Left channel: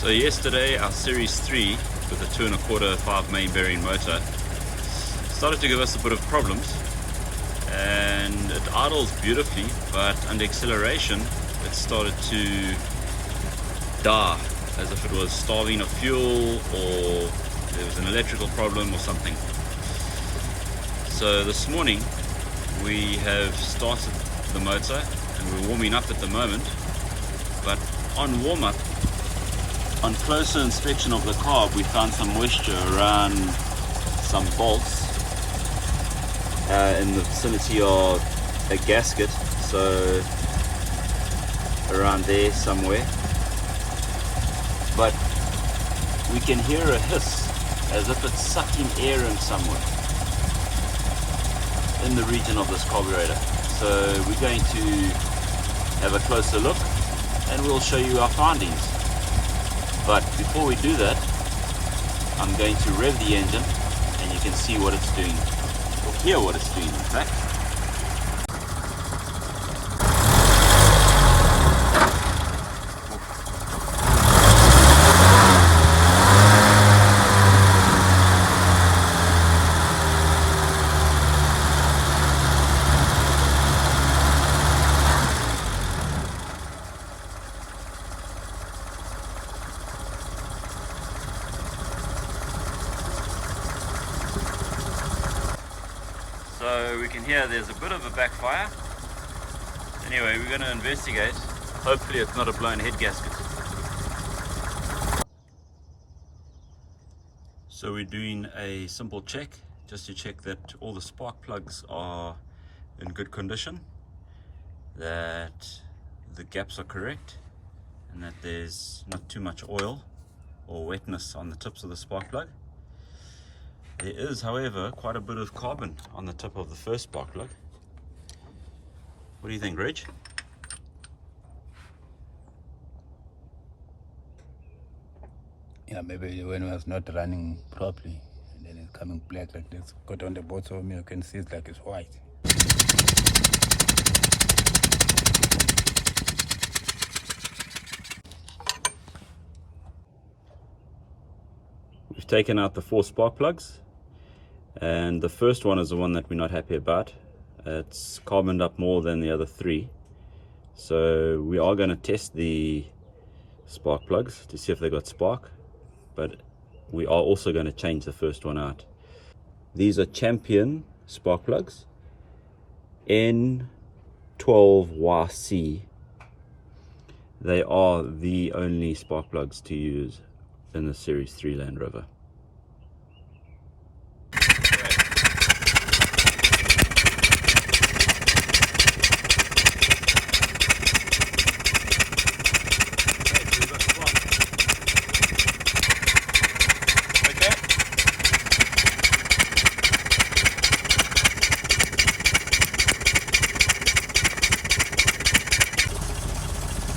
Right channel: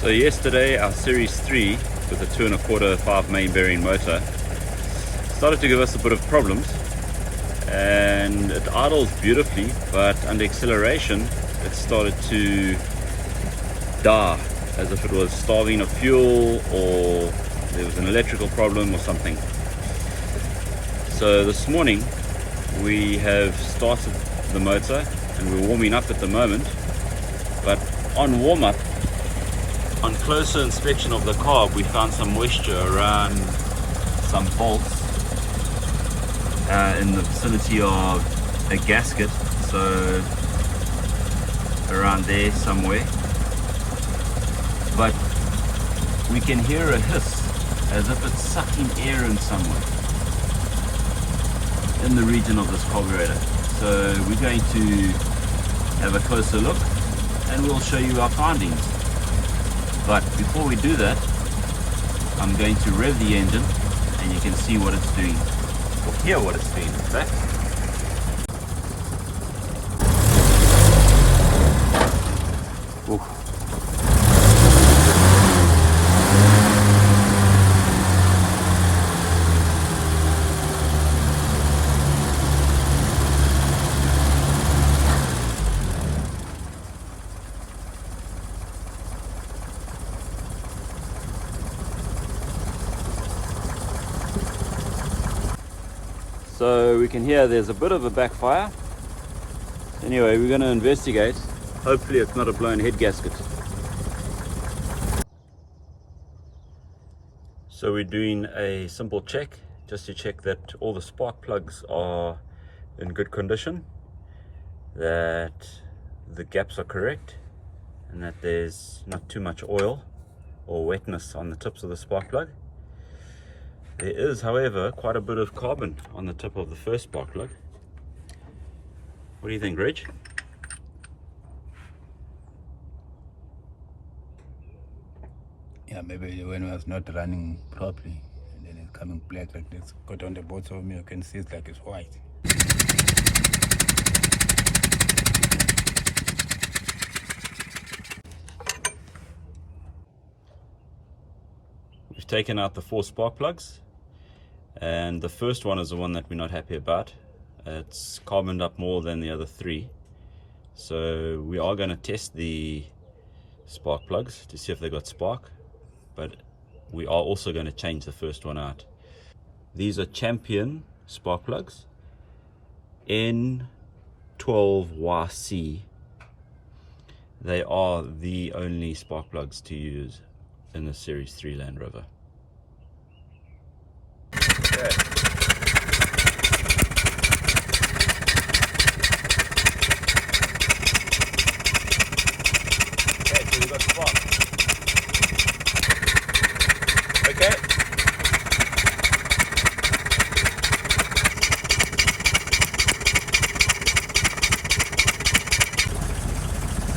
So yesterday our Series 3 with a 2 1/4 5 main bearing motor started to give us a bit of problems, and it idles beautifully, but under acceleration it started to die as if it was starving of fuel, or there was an electrical problem or something. So this morning we have started the motor and we're warming up at the moment, but on warm up, on closer inspection of the carb, we found some moisture around some bolts in the vicinity of a gasket, so around there somewhere. But we can hear a hiss as if it's sucking air in somewhere in the region of this carburetor. So we're going to have a closer look and we'll show you our findings. But before we do that, I'm going to rev the engine and you can see what it's doing, or hear what it's doing in fact. Oof. So we can hear there's a bit of a backfire. Anyway, we're going to investigate. Hopefully it's not a blown head gasket. So we're doing a simple check, just to check that all the spark plugs are in good condition, that the gaps are correct, and that there's not too much oil or wetness on the tips of the spark plug. There is, however, quite a bit of carbon on the tip of the first spark plug. What do you think, Reg? Yeah, maybe when it was not running properly, and then it's coming black like this. Got on the bottom of me, you can see it's like it's white. We've taken out the 4 spark plugs, and the first one is the one that we're not happy about. It's carboned up more than the other 3. So we are going to test the spark plugs to see if they got spark, but we are also going to change the first one out. These are Champion spark plugs, N12YC. They are the only spark plugs to use in the Series 3 Land Rover.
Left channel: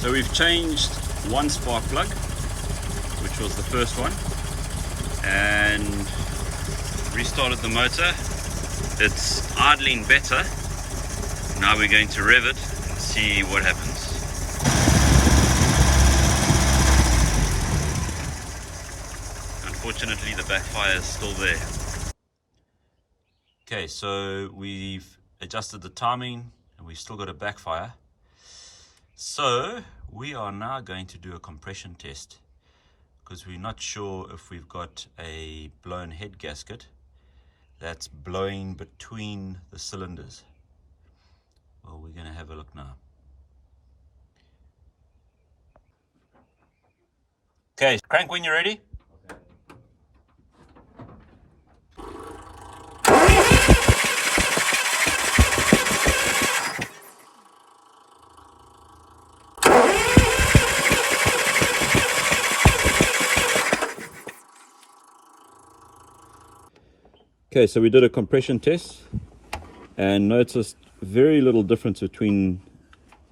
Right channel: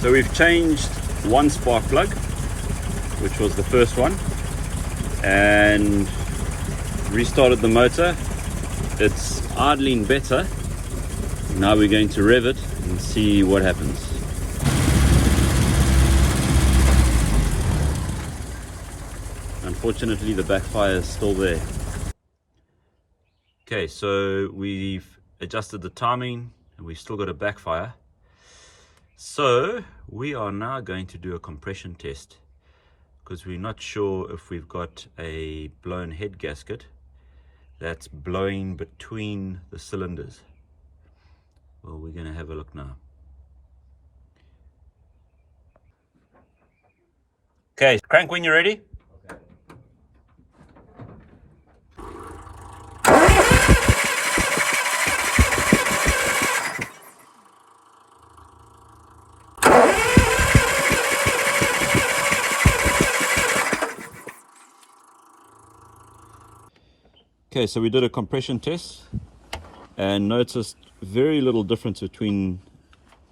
So we've changed one spark plug, which was the first one, and restarted the motor. It's idling better. Now we're going to rev it and see what happens. Unfortunately, the backfire is still there. Okay, so we've adjusted the timing and we've still got a backfire. So we are now going to do a compression test, because we're not sure if we've got a blown head gasket that's blowing between the cylinders. Well, we're going to have a look now. Okay, crank when you're ready. Okay, so we did a compression test and noticed very little difference between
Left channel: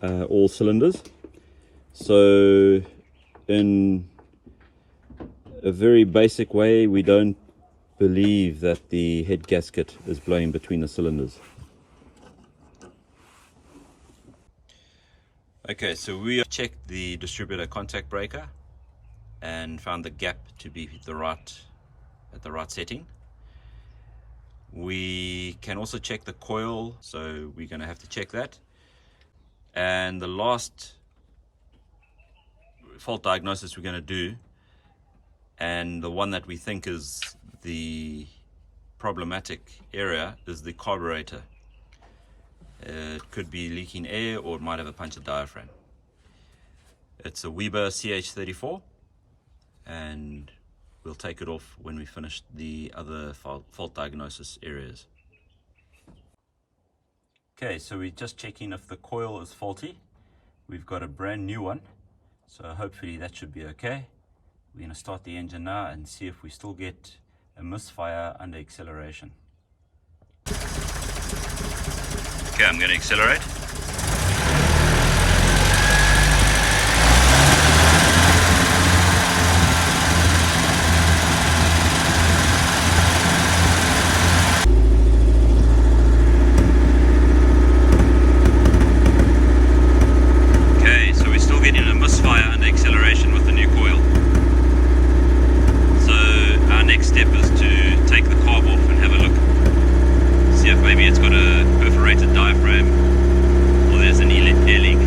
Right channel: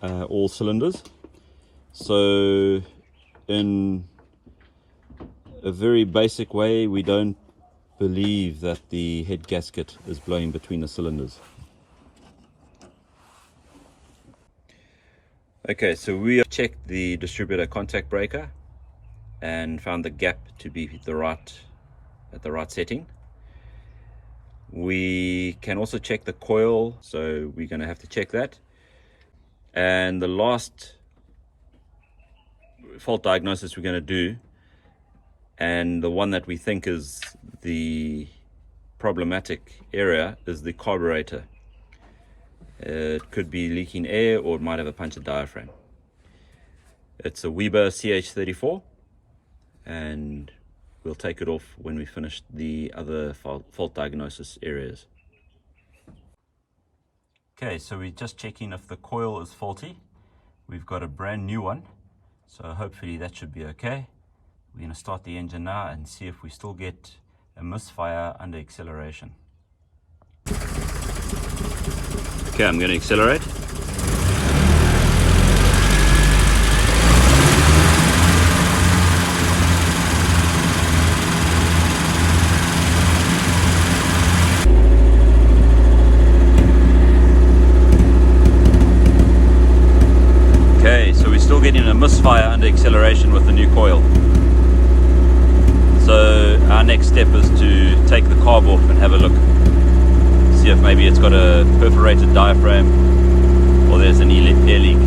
all cylinders. So in a very basic way, we don't believe that the head gasket is blowing between the cylinders. Okay, so we have checked the distributor contact breaker, and found the gap to be at the right setting. We can also check the coil, so we're going to have to check that. And the last fault diagnosis we're going to do, and the one that we think is the problematic area, is the carburetor. It could be leaking air, or it might have a punctured diaphragm. It's a Weber CH34, and we'll take it off when we finish the other fault diagnosis areas. Okay, so we're just checking if the coil is faulty. We've got a brand new one, so hopefully that should be okay. We're going to start the engine now and see if we still get a misfire under acceleration. Okay, I'm going to accelerate. Getting a misfire under acceleration with the new coil. So our next step is to take the carb off and have a look. See if maybe it's got a perforated diaphragm or there's an air leak.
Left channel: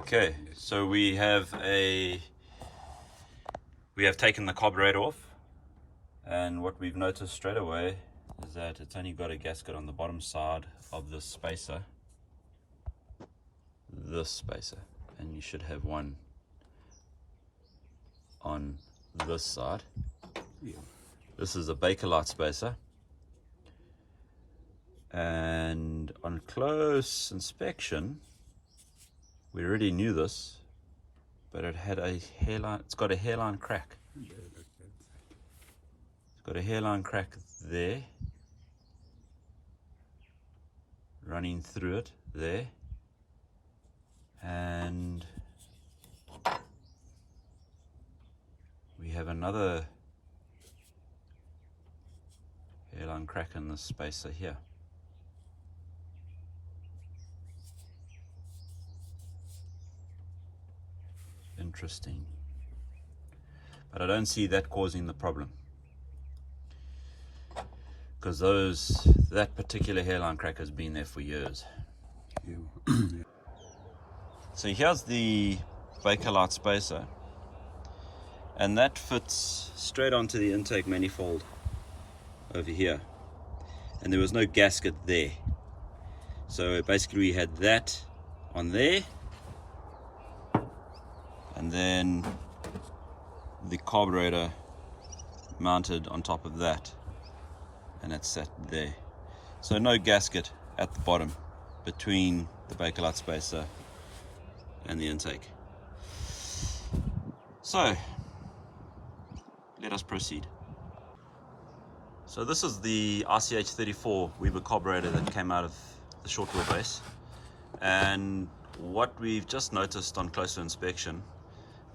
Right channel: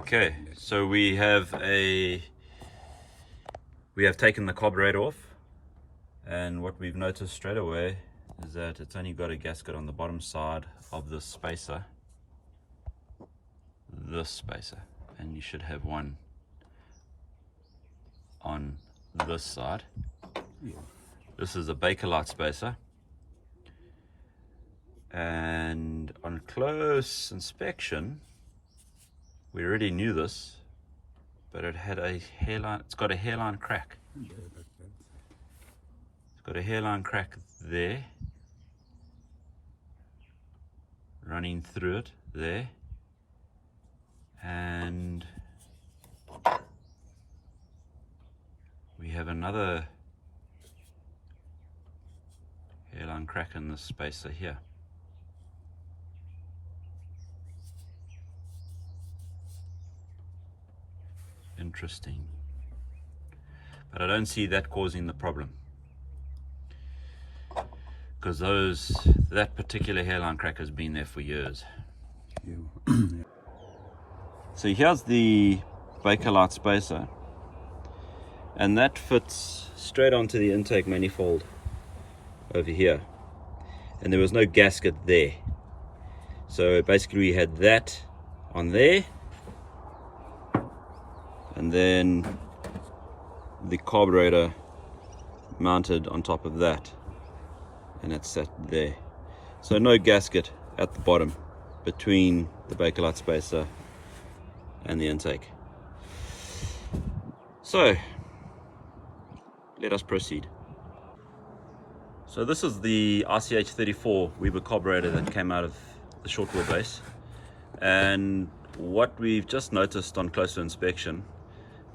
Okay, so we have taken the carburetor off, and what we've noticed straight away is that it's only got a gasket on the bottom side of this spacer. And you should have one on this side. This is a Bakelite spacer, and on close inspection we already knew this, but it had a hairline. It's got a hairline crack. It's got a hairline crack there, running through it there. And we have another hairline crack in this spacer here. Interesting. But I don't see that causing the problem, because that particular hairline crack has been there for years. So here's the Bakelite spacer, and that fits straight onto the intake manifold over here, and there was no gasket there. So basically we had that on there, and then the carburetor mounted on top of that, and it sat there. So no gasket at the bottom between the Bakelite spacer and the intake. So let us proceed. So this is the RCH34 Weber carburetor that came out of the short wheelbase, and what we've just noticed on closer inspection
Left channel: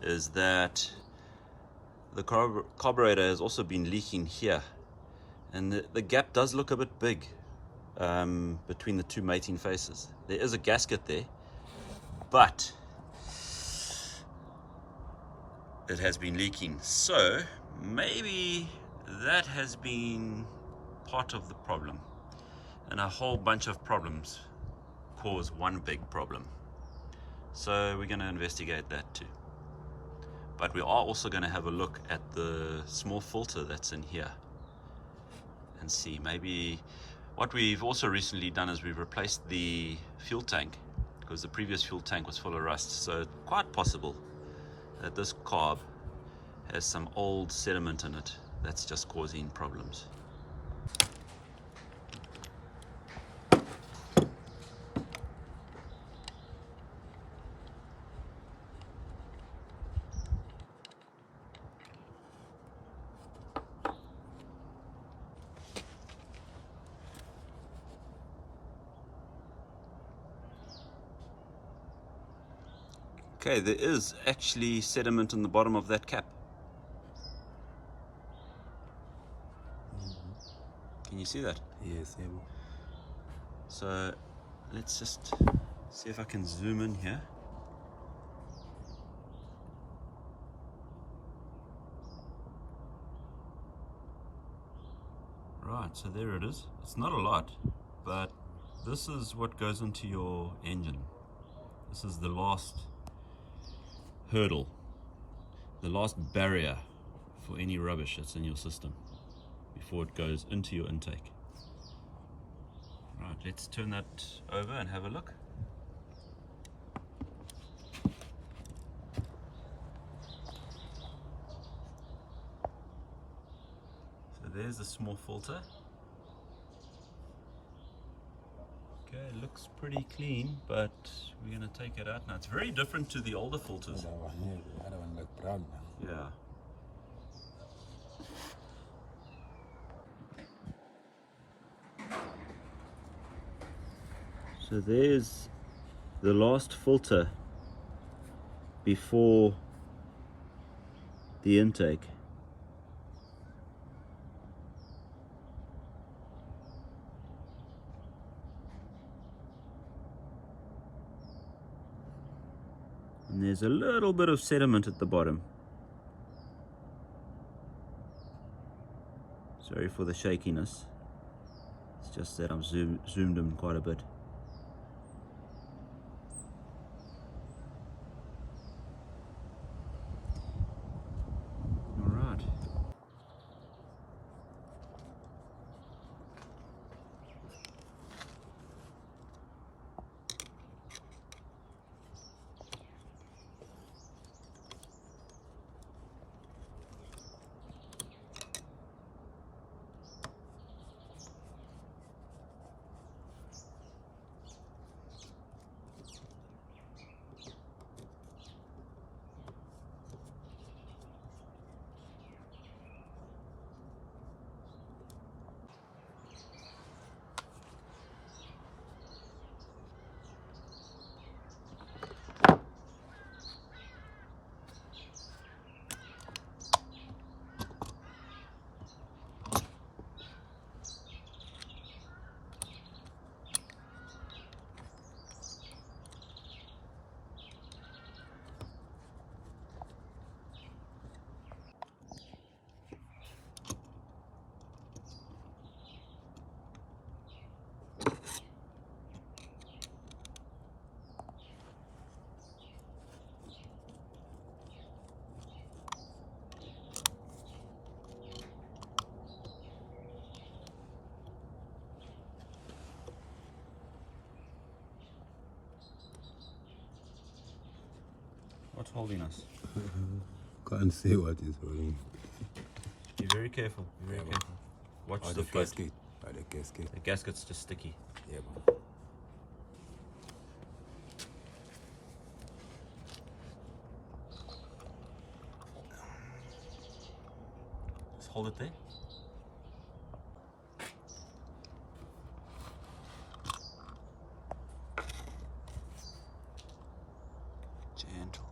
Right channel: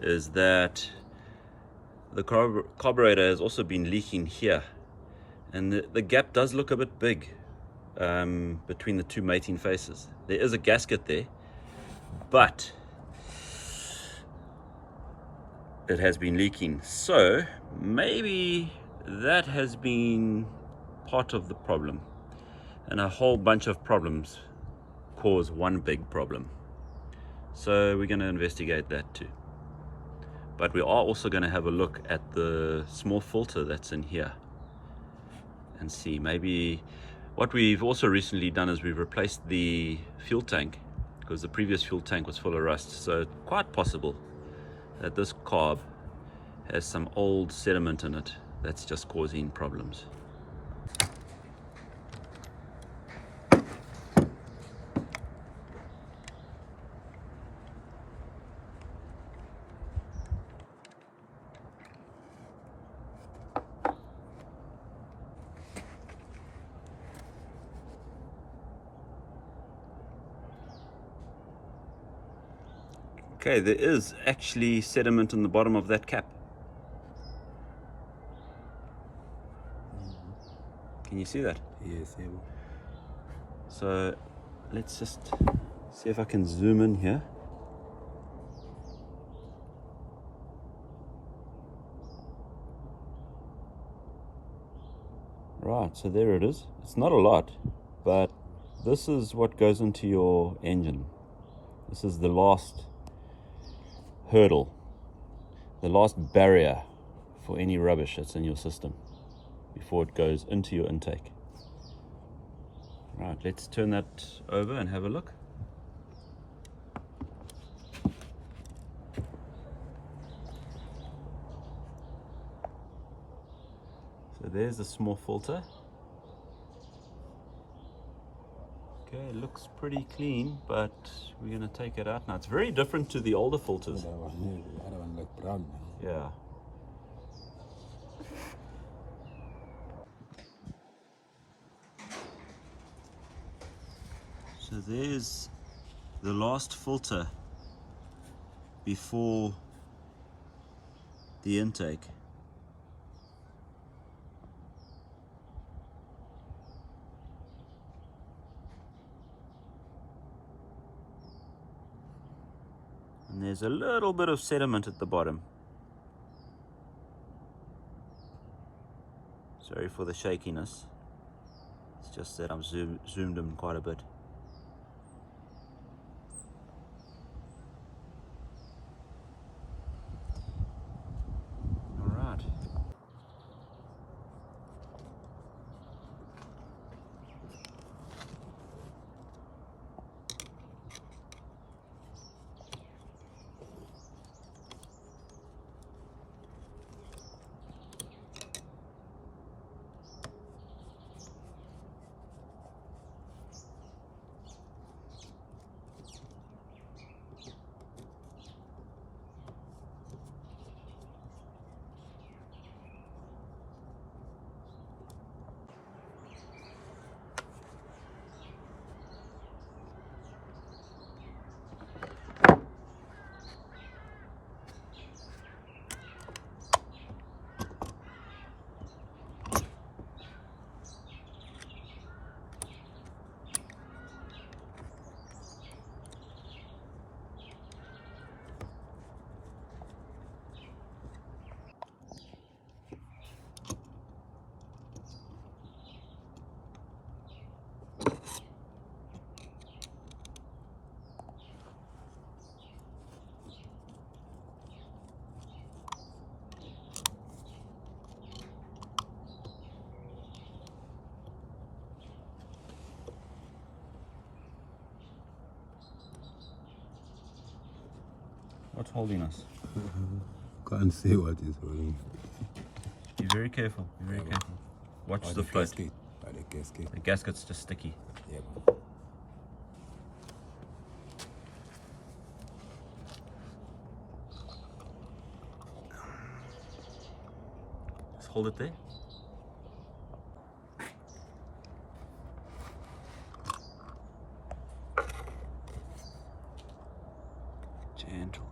is that the carburetor has also been leaking here, and the gap does look a bit big between the two mating faces. There is a gasket there, but it has been leaking, so maybe that has been part of the problem, and a whole bunch of problems cause one big problem. So we're going to investigate that too, but we are also going to have a look at the small filter that's in here and see maybe. What we've also recently done is we've replaced the fuel tank, because the previous fuel tank was full of rust. So it's quite possible that this carb has some old sediment in it that's just causing problems. Okay, there is actually sediment in the bottom of that cap. Can you see that? Yes. So let's just see if I can zoom in here. Right, so there it is. It's not a lot, but this is what goes into your engine. This is the last hurdle, the last barrier for any rubbish that's in your system before it goes into your intake. Right, let's turn that over and have a look. So there's the small filter. Okay, it looks pretty clean, but we're going to take it out now. It's very different to the older filters. The other one look brown now. Yeah. So there's the last filter before the intake. And there's a little bit of sediment at the bottom. Sorry for the shakiness. It's just that I've zoomed in quite a bit. All right. What's holding us? Can't see what is holding. Be very careful. Be very careful. Watch the float. gasket. The gasket. The gasket's just sticky. Yeah. Just hold it there. Gentle.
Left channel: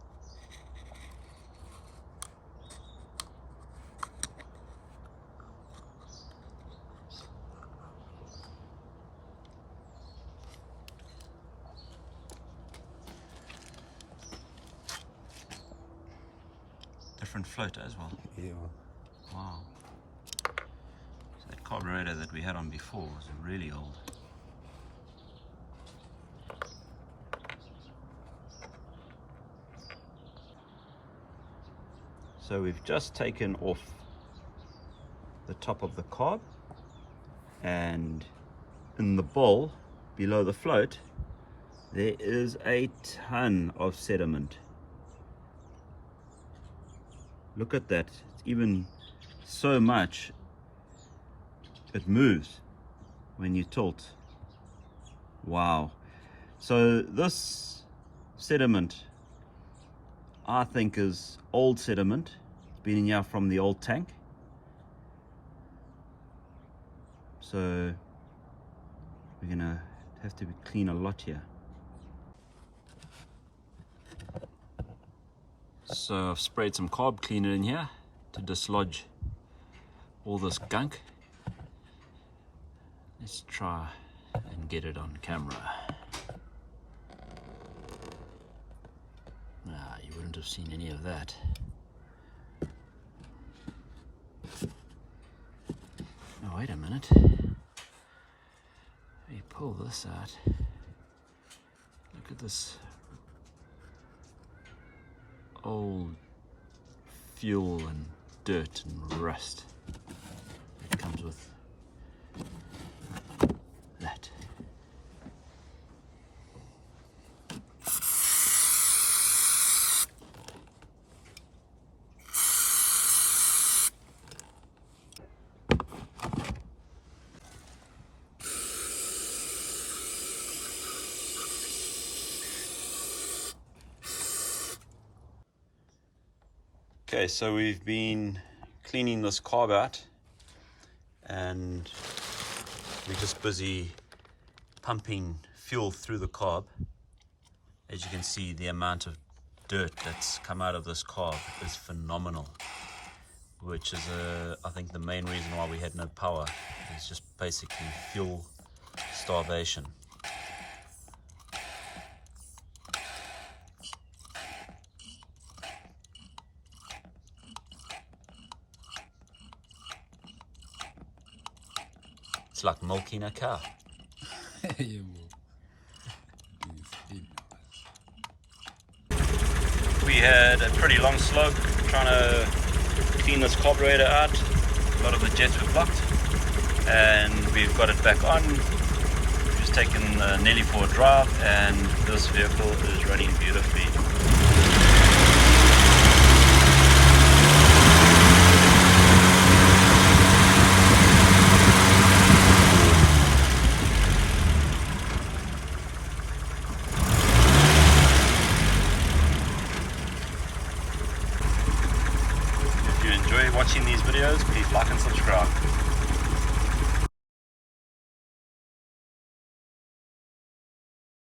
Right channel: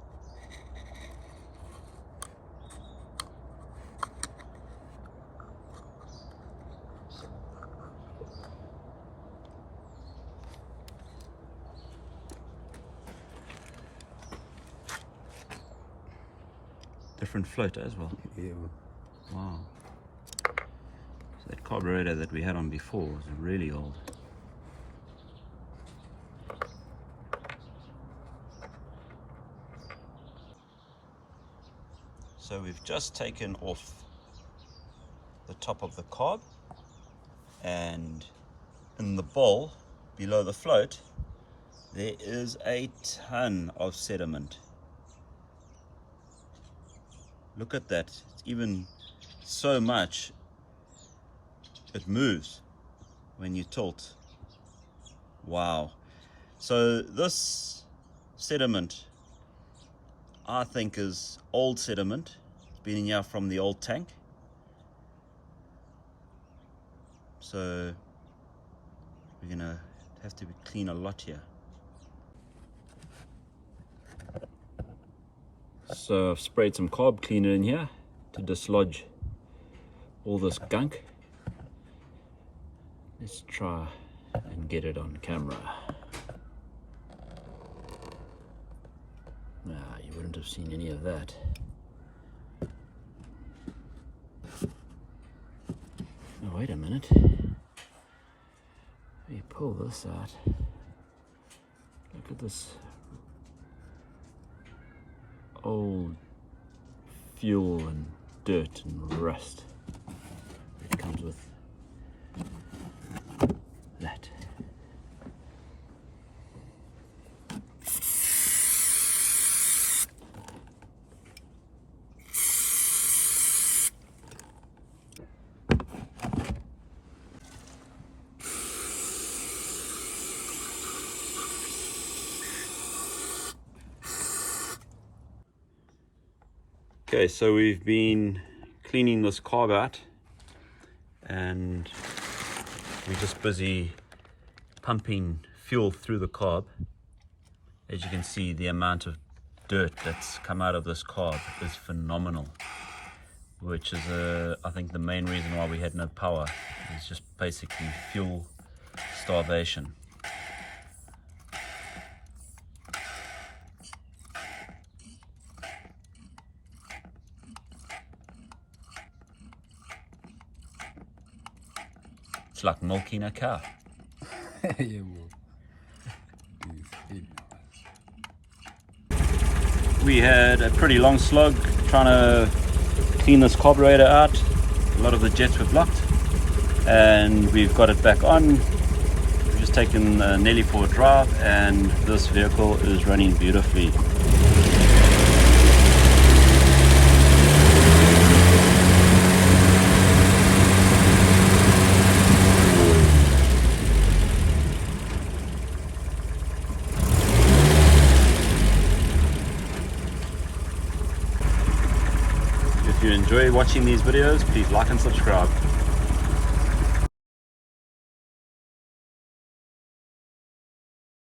Different float as well. Yeah. Wow. So that carburetor that we had on before was really old. So we've just taken off the top of the carb, and in the bowl below the float there is a ton of sediment. Look at that. It's even so much it moves when you tilt. Wow. So this sediment, I think, is old sediment. It's been in here from the old tank. So we're gonna have to clean a lot here. So I've sprayed some carb cleaner in here to dislodge all this gunk. Let's try and get it on camera. Nah, you wouldn't have seen any of that. Oh, wait a minute. Let me pull this out. Look at this old fuel and dirt and rust that comes with that. Okay, so we've been cleaning this carb out and we're just busy pumping fuel through the carb. As you can see, the amount of dirt that's come out of this carb is phenomenal, which is I think the main reason why we had no power. It's just basically fuel starvation. It's like milking a cow. We had a pretty long slog trying to clean this carburetor out. A lot of the jets were blocked and we've got it back on. We've just taken Nelly for a drive and this vehicle is running beautifully. If you enjoy watching these videos, please like and subscribe.